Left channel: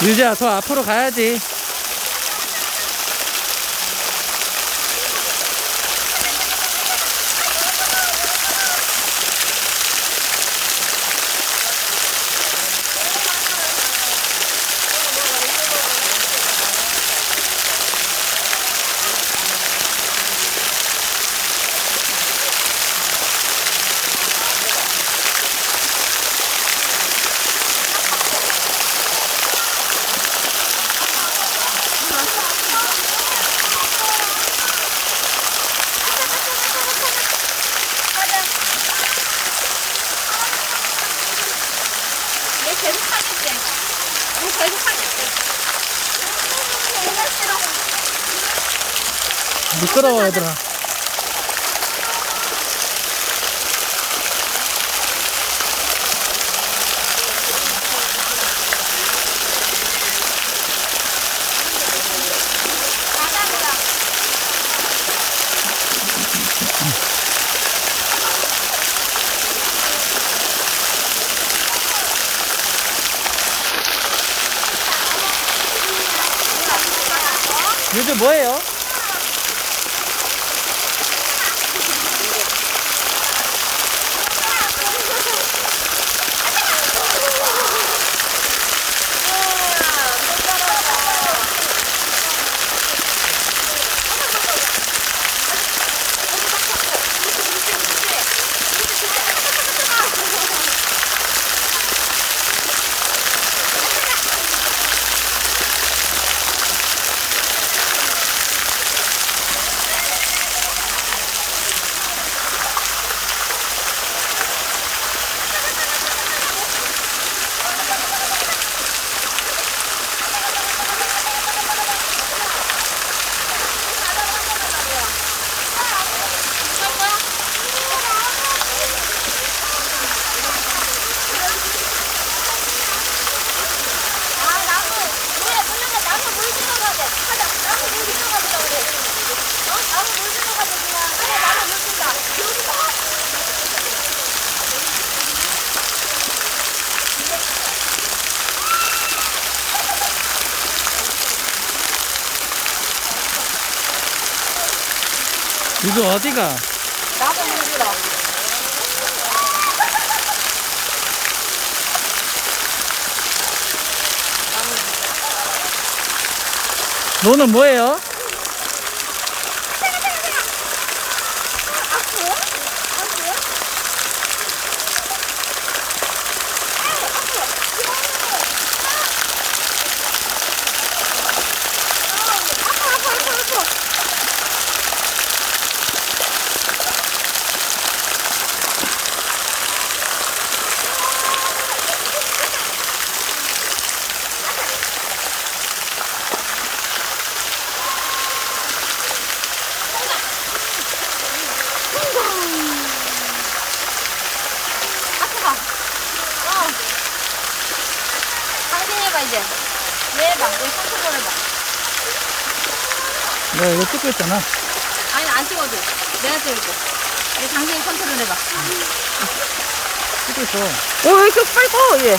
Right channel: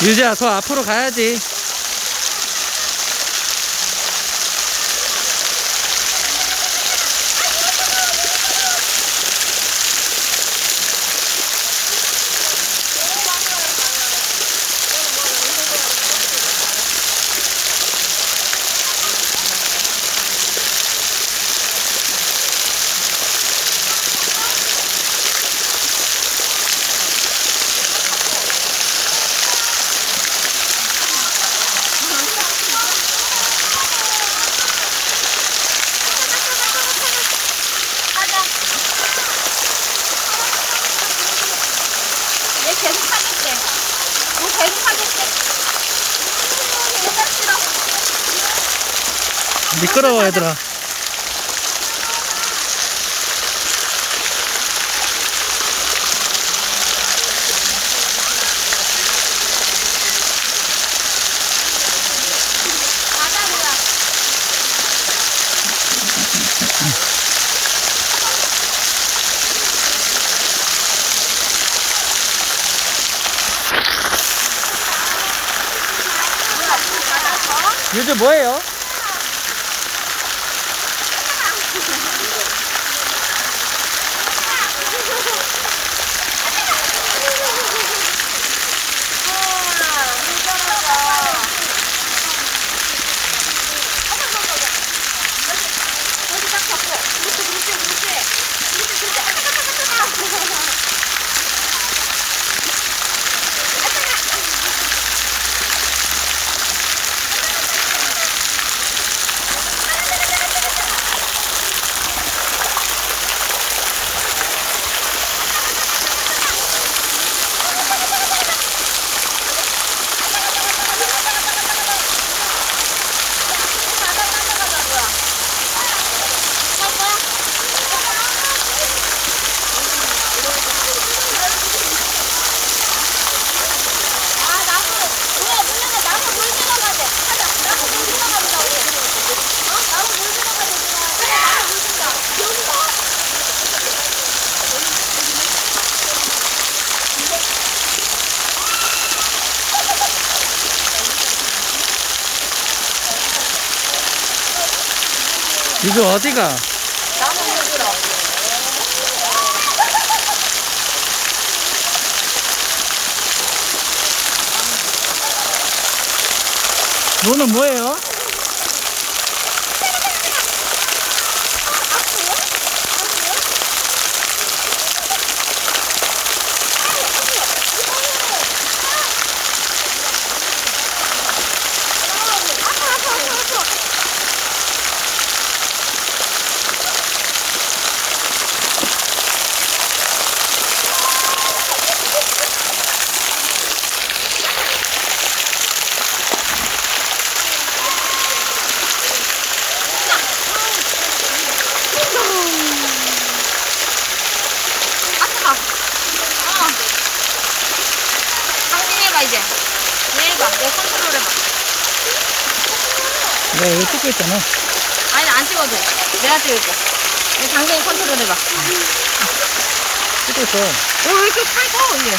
유지야, 더 앞으로 가야지. 얘 계속 하겠대. 너 계속 하겠대. 얘가 싫어. 미끄러워, 얘들아. 바다리야. 뭐야, 물 받아서? 유주 뭐예요? 우와, 물 따라가. 여기 딱 잡고. 그렇지. 바다 따라가자, 뭐야. 갈 거야? 아, 나무. 왜, 문영아, 나무 물 들어가자. 가자. 나무 물 들어가자, 우리. 어? 나무 물 들어가자, 그냥. 그래, 나무 물 준다. 유주 어디가? 나무 물 들어. 너는 뭐예요? 아프요? 아프요? 아우, 아프요. 아파. 아프가. 당신 해봐, 이제. 얘 해봐. 얘 컨트롤 해봐. 내가 이거 찍고 있잖아. 아니, 안 찍어도 돼. 내가 찍을게. 이제 당신이 컨트롤 해봐. 찍고 있어. 얘 왜 이렇게 살고, 얘.